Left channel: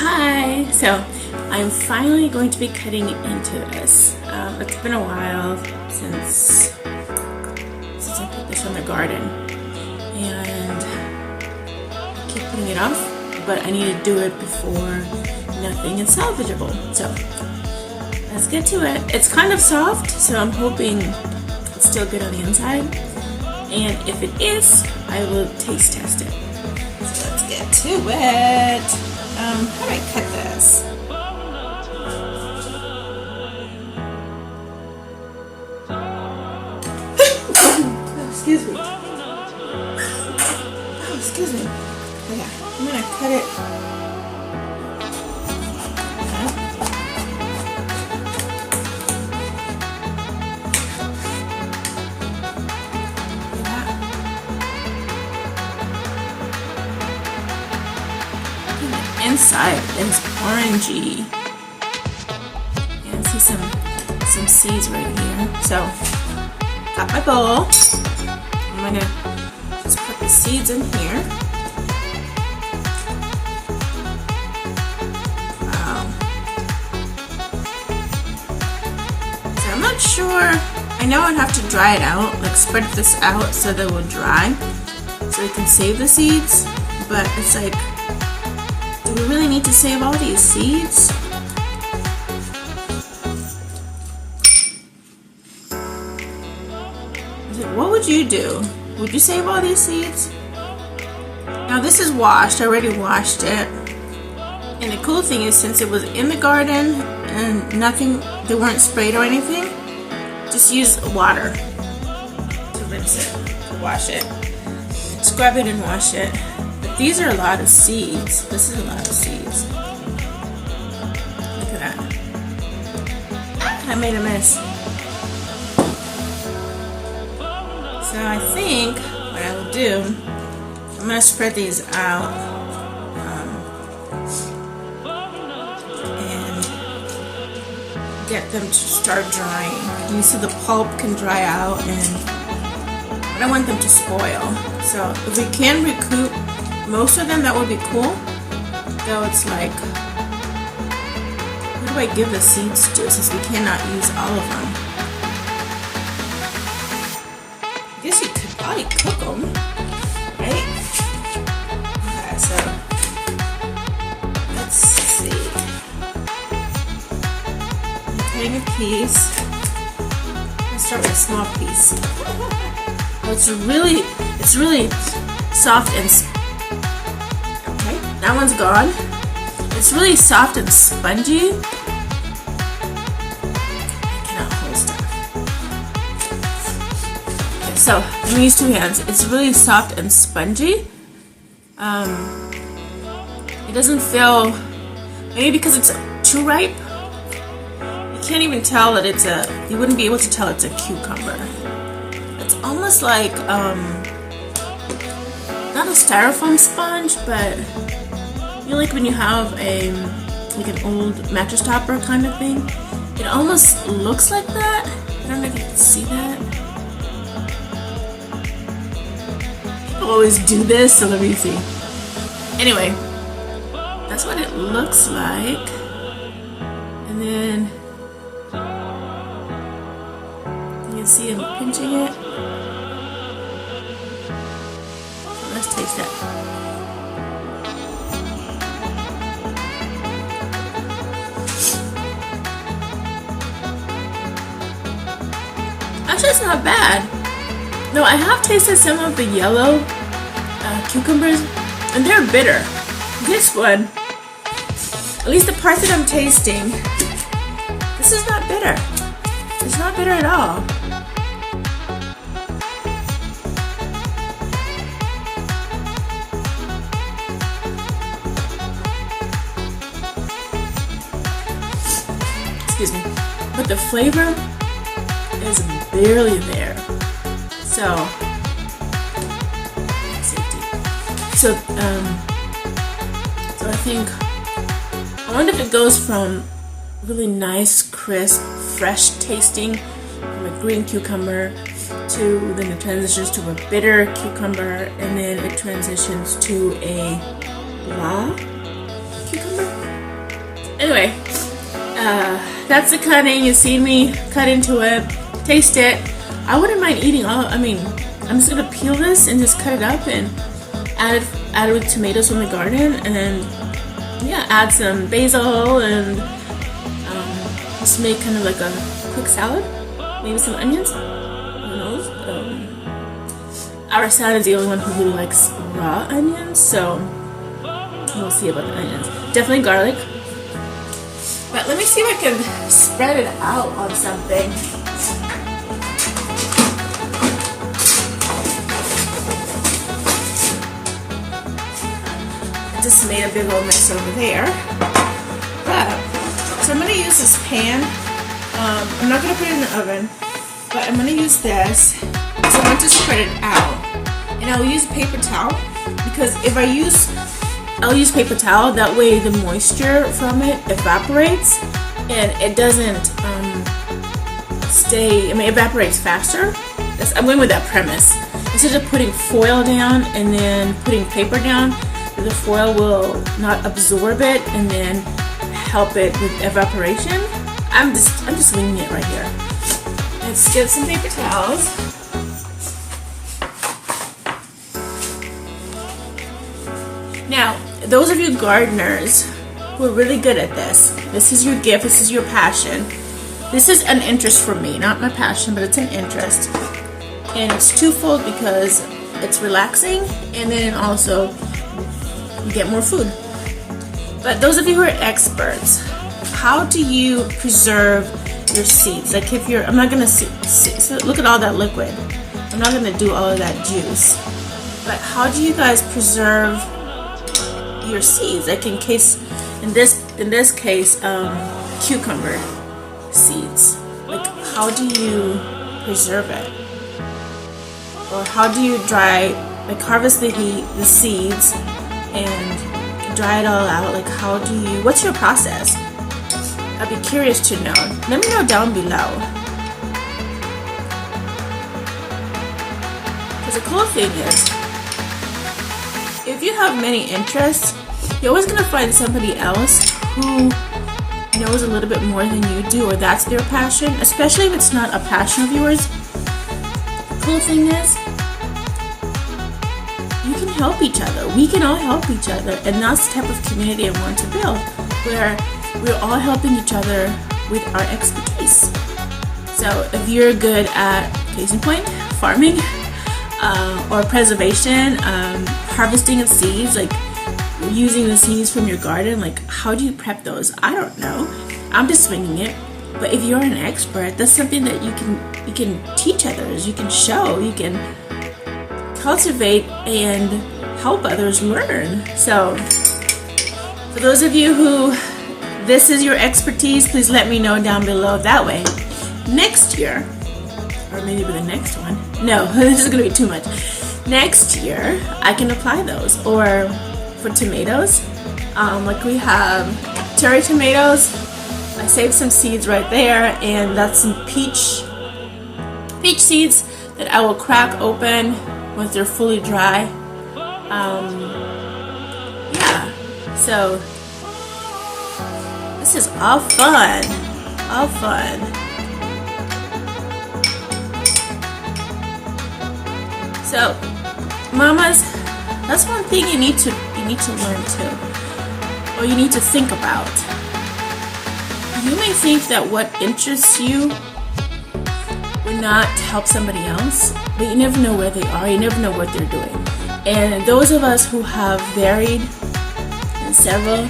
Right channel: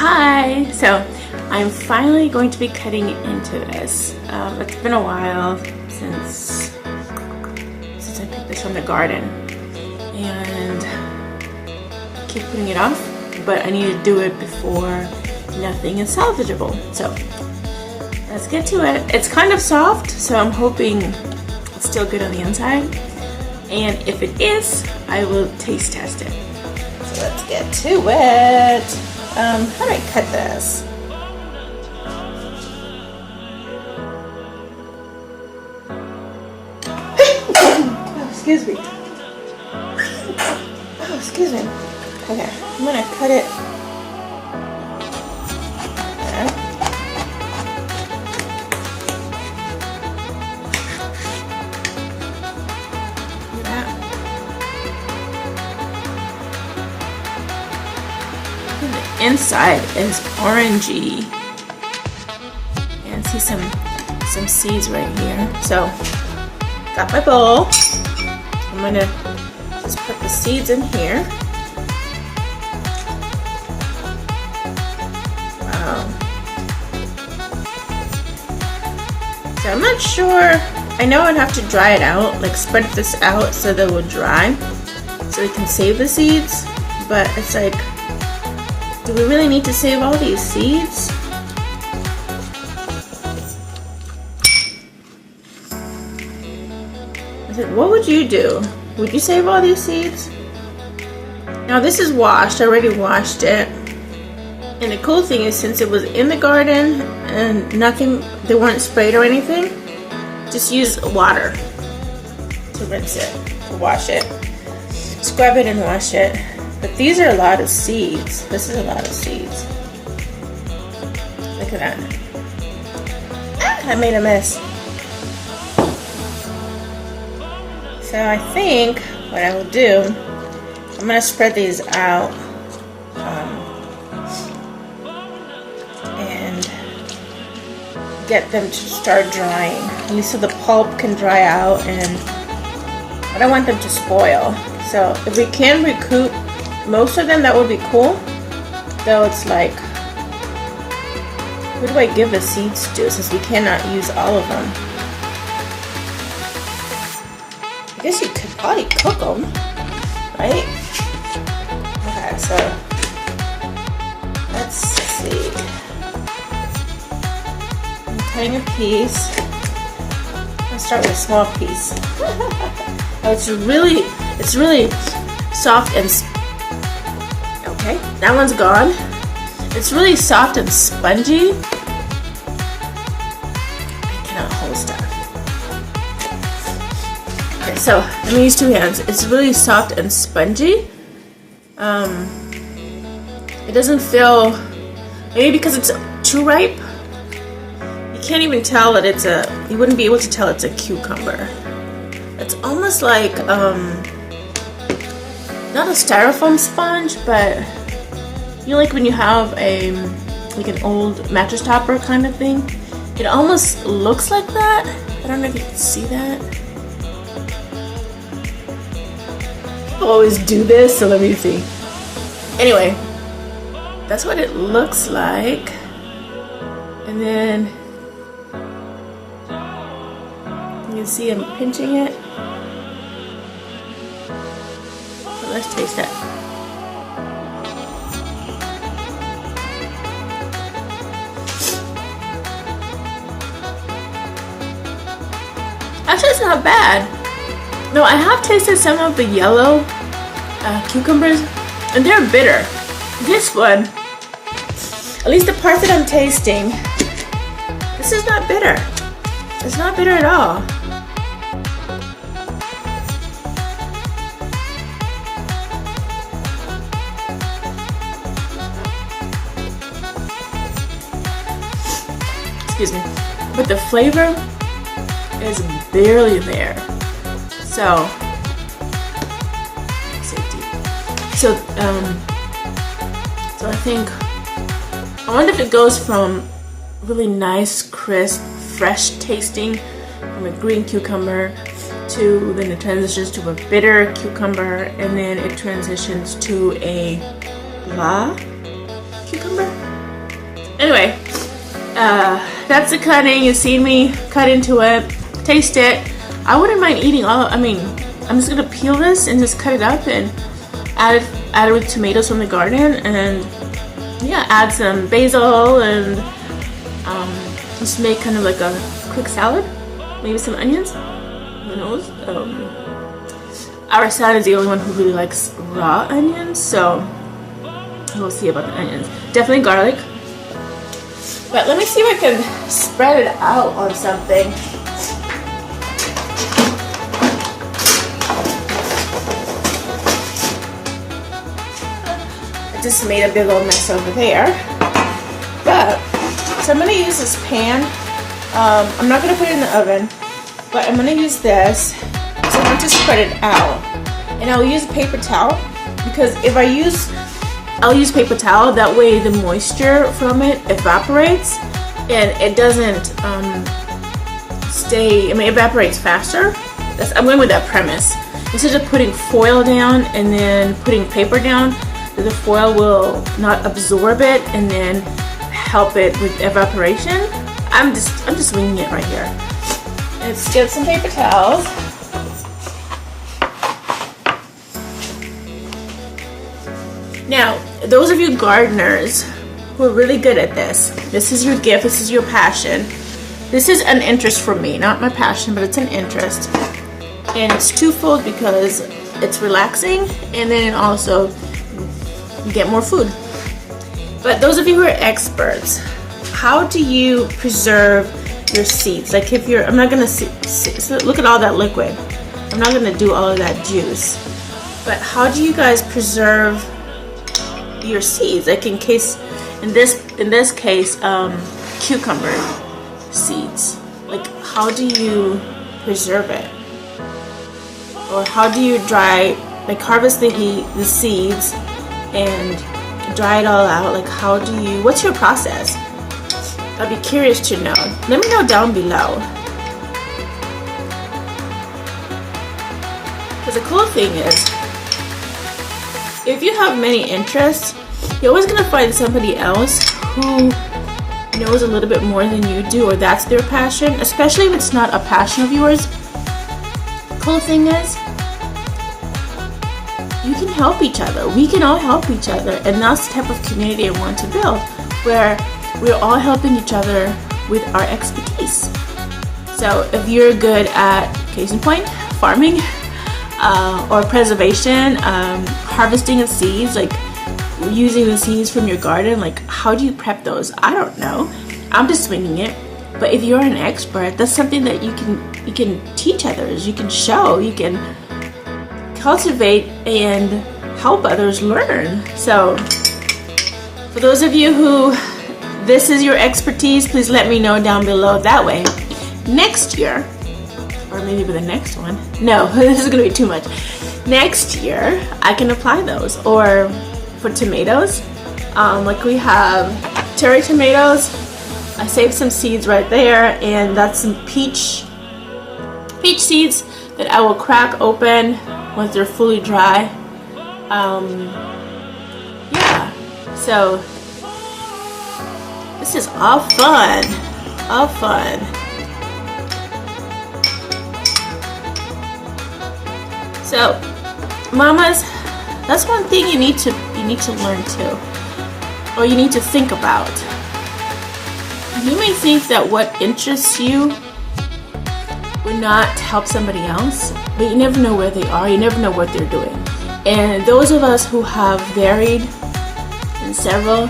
Hi! So I'm finally going to be cutting into this. It's been a while since I put this in the garden, and I keep putting it off, but I need to do it before nothing is salvageable. So let's get to it. It's kind of soft, so I'm hoping it's still good on the inside, and if it is, I will taste test it. So let's get to it. How do I cut this? Excuse me. Oh, excuse me. Okay, I'm gonna cut it. The inside is orangey, and see some seeds right here. So got my bowl. I'm gonna just put the seeds in here. Wow. So I'm not sure. I know I'd have to dry it out, like spread this out so that it would dry, so we can save the seeds. But it's like, do we really need to save all these seeds? What would you do? Would you save all these seeds? Now this is washed. I already washed it. And the cool thing is, since it was in the garden and they weren't sprayed or anything, just use water to rinse it, to wash it. Scrub it and wash it. But these are a lot of seeds. This is a lot of seeds. Look at that. I made a mess. So I think what I will do, I'm going to spread these out and get them to start drying. You see the pulp can dry out, and I don't want them to spoil. So if we can recoup most of them, that would be cool. Though it's like, who do I give the seeds to, since we cannot use all of them? I guess you could probably cook them, right? Okay, so let's see. I'm cutting a piece. I'll start with a small piece. Oh, it's really soft and okay, that one's gone. It's really soft and spongy. I cannot hold stuff. Okay, so I'm gonna use two hands. It's really soft and spongy. It doesn't feel, maybe because it's too ripe, you can't even tell that you wouldn't be able to tell it's a cucumber. It's almost like not a styrofoam sponge, but you know, like when you have like an old mattress topper kind of thing. It almost looks like that. I don't know if you can see that. I always do this, so let me see. Anyway, that's what it looks like. And then you can see I'm pinching it. So let's taste it. Actually, it's not bad. No, I have tasted some of the yellow cucumbers, and they're bitter. This one, at least the part that I'm tasting, this is not bitter. It's not bitter at all. Excuse me. But the flavor is barely there. So safety. So I think, I wonder if it goes from really nice, crisp, fresh tasting from a green cucumber to, then it transitions to a bitter cucumber, and then it transitions to a blah cucumber. Anyway, that's the cutting. You see me cut into it, taste it. I wouldn't mind eating all. I'm just gonna peel this and just cut it up and add it with tomatoes from the garden, and yeah, add some basil and just make kind of like a quick salad. Maybe some onions. Who knows? Our son is the only one who really likes raw onions, so we'll see about the onions. Definitely garlic. But let me see if I can spread it out on something. I just made a big old mess over there. But, so I'm going to use this pan. I'm not going to put it in the oven, but I'm going to use this. So I'm going to spread it out. And I'll use a paper towel, because if I'll use paper towel, that way the moisture from it evaporates and it doesn't evaporates faster. I'm going with that premise. Instead of putting foil down and then putting paper down, the foil will not absorb it and then help it with evaporation. I'm just winging it right here. Let's get some paper towels. Now, those of you gardeners who are really good at this is your gift, this is your passion. This is an interest for me, not my passion, but it's an interest. And it's twofold, because it's relaxing and then also you get more food. But those of you who are experts, how do you preserve your seeds? Like I'm not going to look at all that liquid. I'm not going to do all of that juice. But how do you guys preserve your seeds? Like in this case, cucumber seeds. Like, how do you preserve it? Or how do you harvest the seeds and dry it all out? Like, what's your process? I'd be curious to know. Let me know down below. Because the cool thing is, if you have many interests, you're always going to find somebody else who knows a little bit more than you do, or that's their passion, especially if it's not a passion of yours. The cool thing is, you can help each other. We can all help each other, and that's the type of community I want to build, where we're all helping each other with our expertise. So if you're good at, case in point, farming, or preservation, harvesting of seeds, like using the seeds from your garden, like how do you prep those? I don't know. I'm just swinging it. But if you're an expert, that's something that you can teach others, you can show, you can cultivate and help others learn. So for those of you who this is your expertise, please let me know down below. That way next year, or maybe with the next one, no, this is gonna be too much. Next year I can apply those. Or for tomatoes, like we have cherry tomatoes, I saved some seeds right there, and that's some peach seeds that I will crack open once they're fully dry. Yeah, so this is all fun, all fun. So, mamas, that's one thing you need to learn too, or you need to think about. You may think that what interests you would not help somebody else, but you never know where they are. You never know what they're doing. And those of us who have varied and several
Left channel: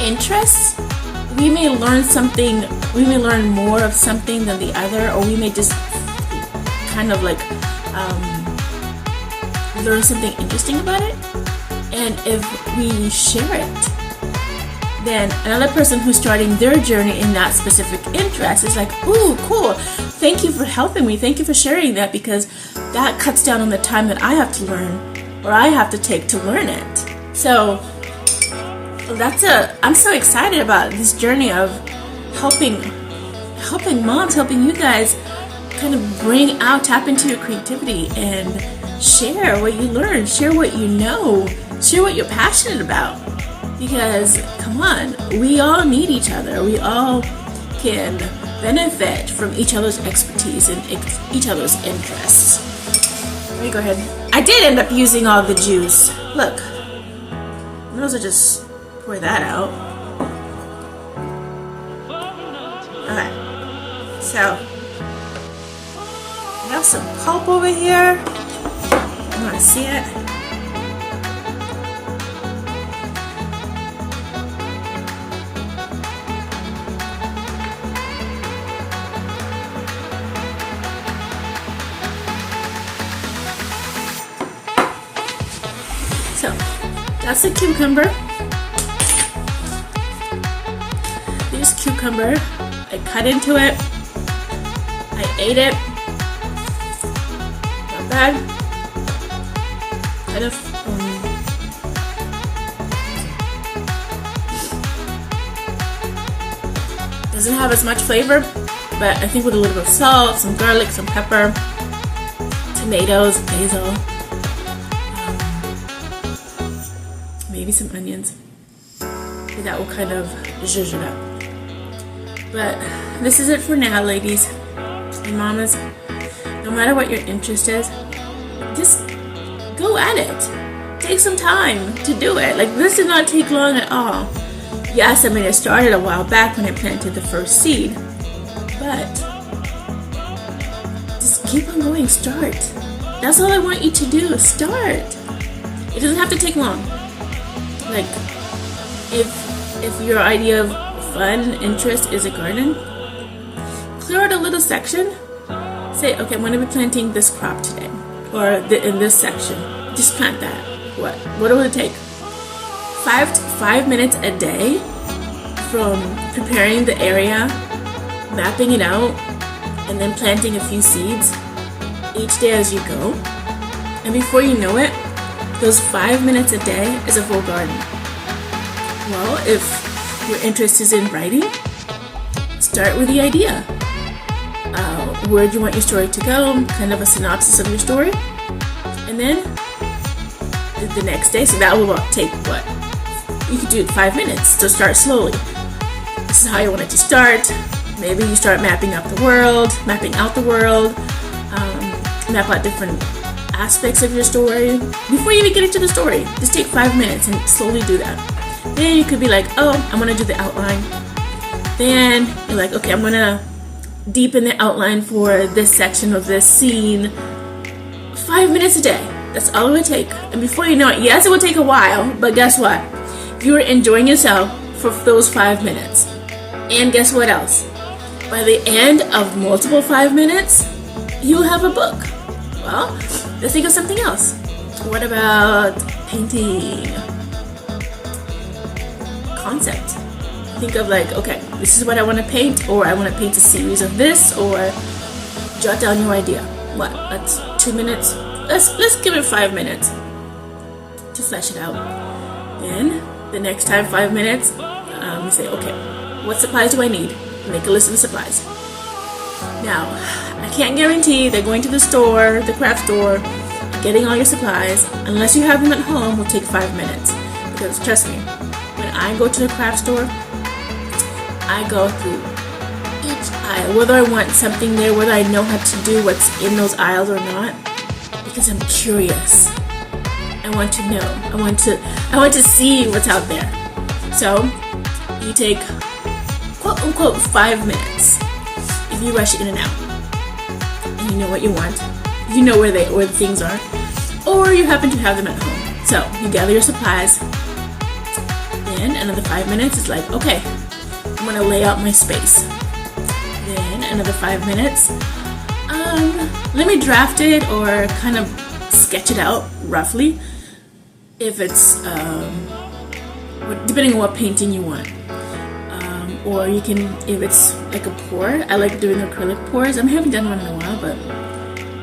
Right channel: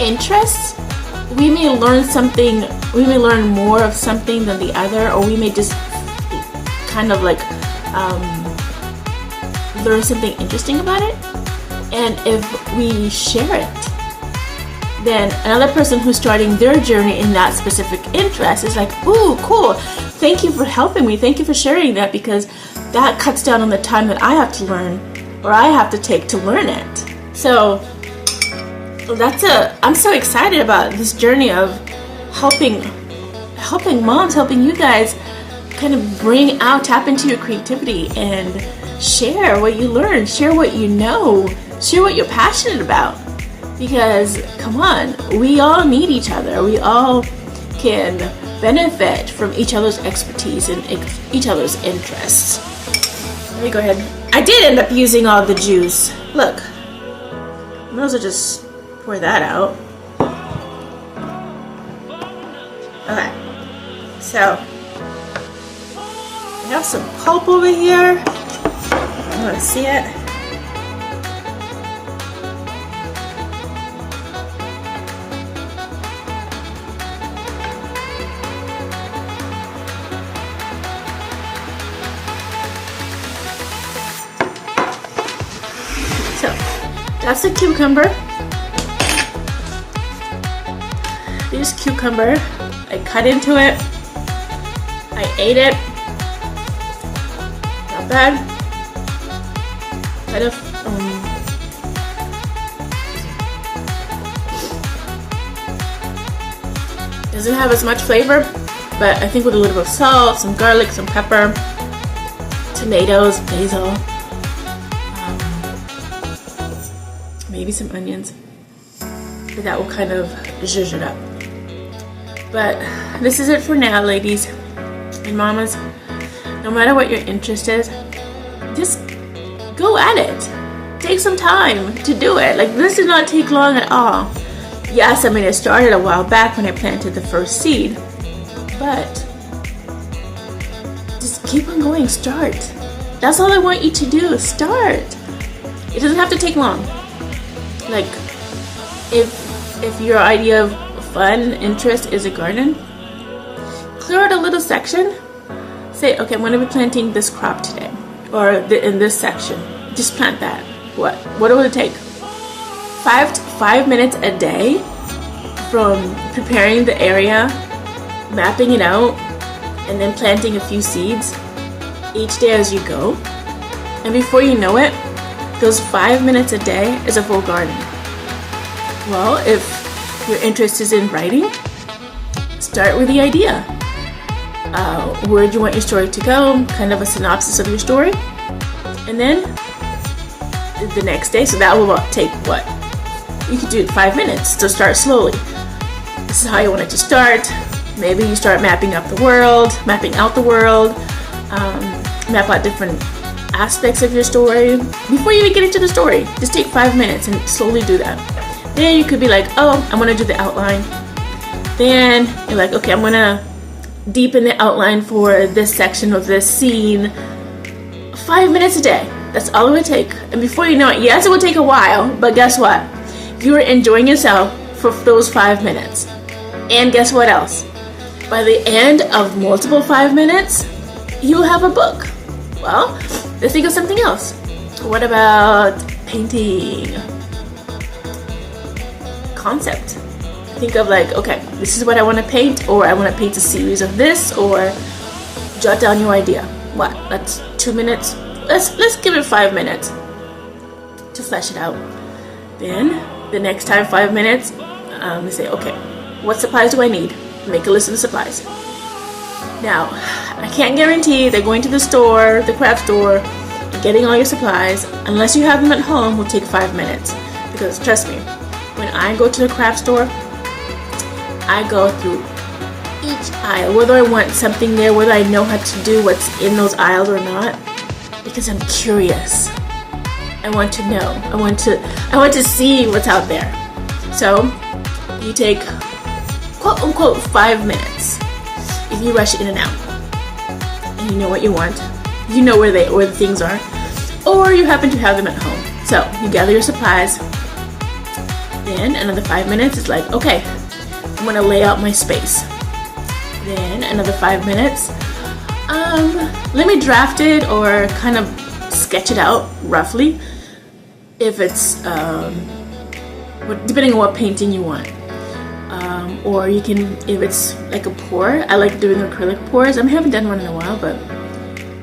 interests, we may learn something. We may learn more of something than the other, or we may just kind of like learn something interesting about it. And if we share it, then another person who's starting their journey in that specific interest is like, ooh, cool. Thank you for helping me. Thank you for sharing that, because that cuts down on the time that I have to learn, or I have to take to learn it. So I'm so excited about this journey of helping moms, helping you guys kind of tap into your creativity and share what you learn, share what you know, share what you're passionate about. Because, come on, we all need each other. We all can benefit from each other's expertise and each other's interests. Let me go ahead. I did end up using all the juice. Look. I might as well just pour that out. Okay. So, I have some pulp over here. I'm going to see it. That's a cucumber. Here's cucumber. I cut into it. I ate it. Not bad. Kind of. Doesn't have as much flavor, but I think with a little bit of salt, some garlic, some pepper, tomatoes, basil. Maybe some onions, but that will kind of zhuzh it up. But this is it for now, ladies and mamas. No matter what your interest is, just go at it. Take some time to do it. Like, this did not take long at all. Yes, I mean, it started a while back when I planted the first seed, but just keep on going. Start. That's all I want you to do. Start. It doesn't have to take long. Like, if your idea of fun, interest is a garden, clear out a little section. Say, okay, I'm going to be planting this crop today, or in this section. Just plant that. What will it take? 5 minutes a day from preparing the area, mapping it out, and then planting a few seeds each day as you go. And before you know it, those 5 minutes a day is a full garden. Well, if your interest is in writing, start with the idea. Where do you want your story to go? Kind of a synopsis of your story. And then the next day, so that will take what? You could do it 5 minutes to start slowly. This is how you want it to start. Maybe you start mapping out the world, map out different aspects of your story. Before you even get into the story, just take 5 minutes and slowly do that. Then you could be like, oh, I'm going to do the outline. Then you're like, okay, I'm going to deepen the outline for this section of this scene. 5 minutes a day. That's all it would take. And before you know it, yes, it will take a while, but guess what? You are enjoying yourself for those 5 minutes. And guess what else? By the end of multiple 5 minutes, you will have a book. Well, let's think of something else. What about painting? Concept. Think of like, okay, this is what I want to paint, or I want to paint a series of this, or jot down your idea. What? That's 2 minutes. Let's give it 5 minutes to flesh it out. Then the next time 5 minutes, we say, okay, what supplies do I need? Make a list of the supplies. Now, I can't guarantee that going to the store, the craft store, getting all your supplies, unless you have them at home, will take 5 minutes. Because trust me, when I go to the craft store, I go through each aisle, whether I want something there, whether I know how to do what's in those aisles or not, because I'm curious. I want to know. I want to see what's out there. So you take quote unquote 5 minutes if you rush in and out. And you know what you want. You know where the things are. Or you happen to have them at home. So you gather your supplies. Then another 5 minutes is like, okay, I'm gonna lay out my space. Then another 5 minutes. Let me draft it or kind of sketch it out roughly. If it's depending on what painting you want. Or you can, if it's like a pour, I like doing acrylic pours. I haven't done one in a while, but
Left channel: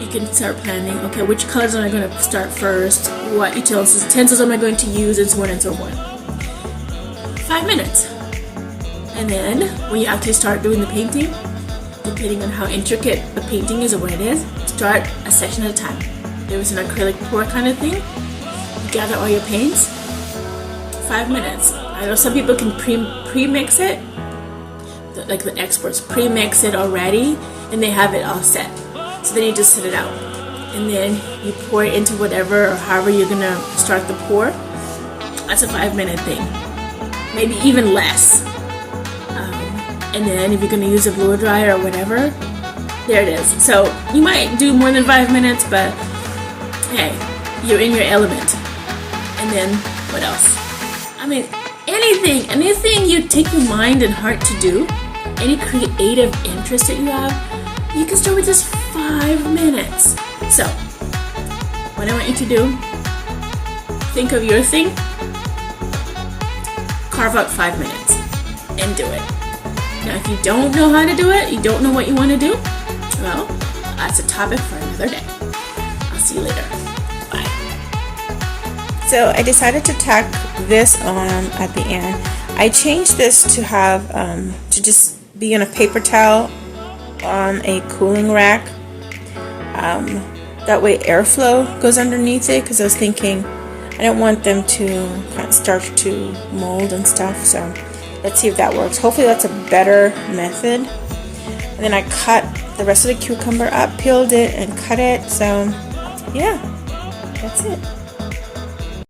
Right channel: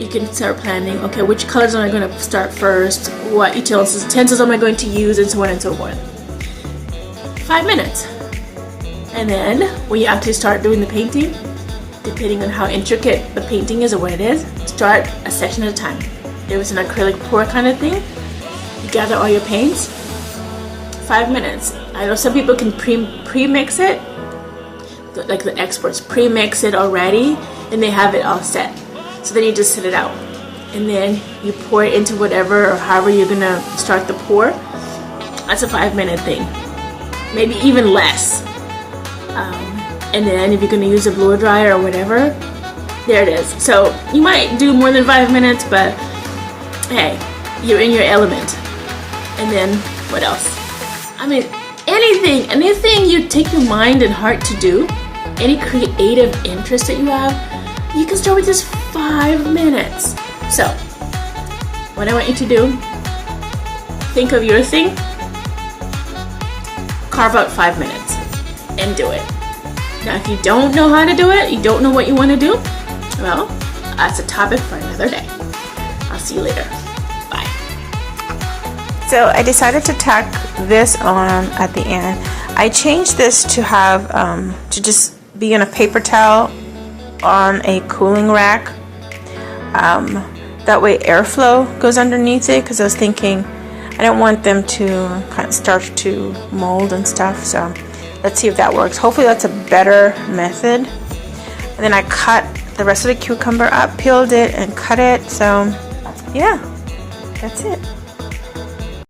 you can start planning, okay, which colors am I going to start first? What utensils am I going to use? And so on and so forth. 5 minutes. And then, when you actually start doing the painting, depending on how intricate the painting is or what it is, start a section at a time. If it's an acrylic pour kind of thing, you gather all your paints, 5 minutes. I know some people can pre-mix it, like the experts pre-mix it already, and they have it all set. So then you just set it out, and then you pour it into whatever or however you're gonna start the pour. That's a 5-minute thing, maybe even less. And then if you're gonna use a blow dryer or whatever, there it is. So you might do more than 5 minutes, but hey, you're in your element. And then what else? I mean, anything you take your mind and heart to do, any creative interest that you have, you can start with just 5 minutes. So what I want you to do, think of your thing, carve out 5 minutes and do it. Now if you don't know how to do it, you don't know what you want to do, well, that's a topic for another day. I'll see you later. Bye. So I decided to tack this on at the end. I changed this to have, to just be in a paper towel on a cooling rack. That way airflow goes underneath it, because I was thinking I don't want them to kind of start to mold and stuff. So let's see if that works. Hopefully that's a better method. And then I cut the rest of the cucumber up, peeled it and cut it. So yeah, that's it.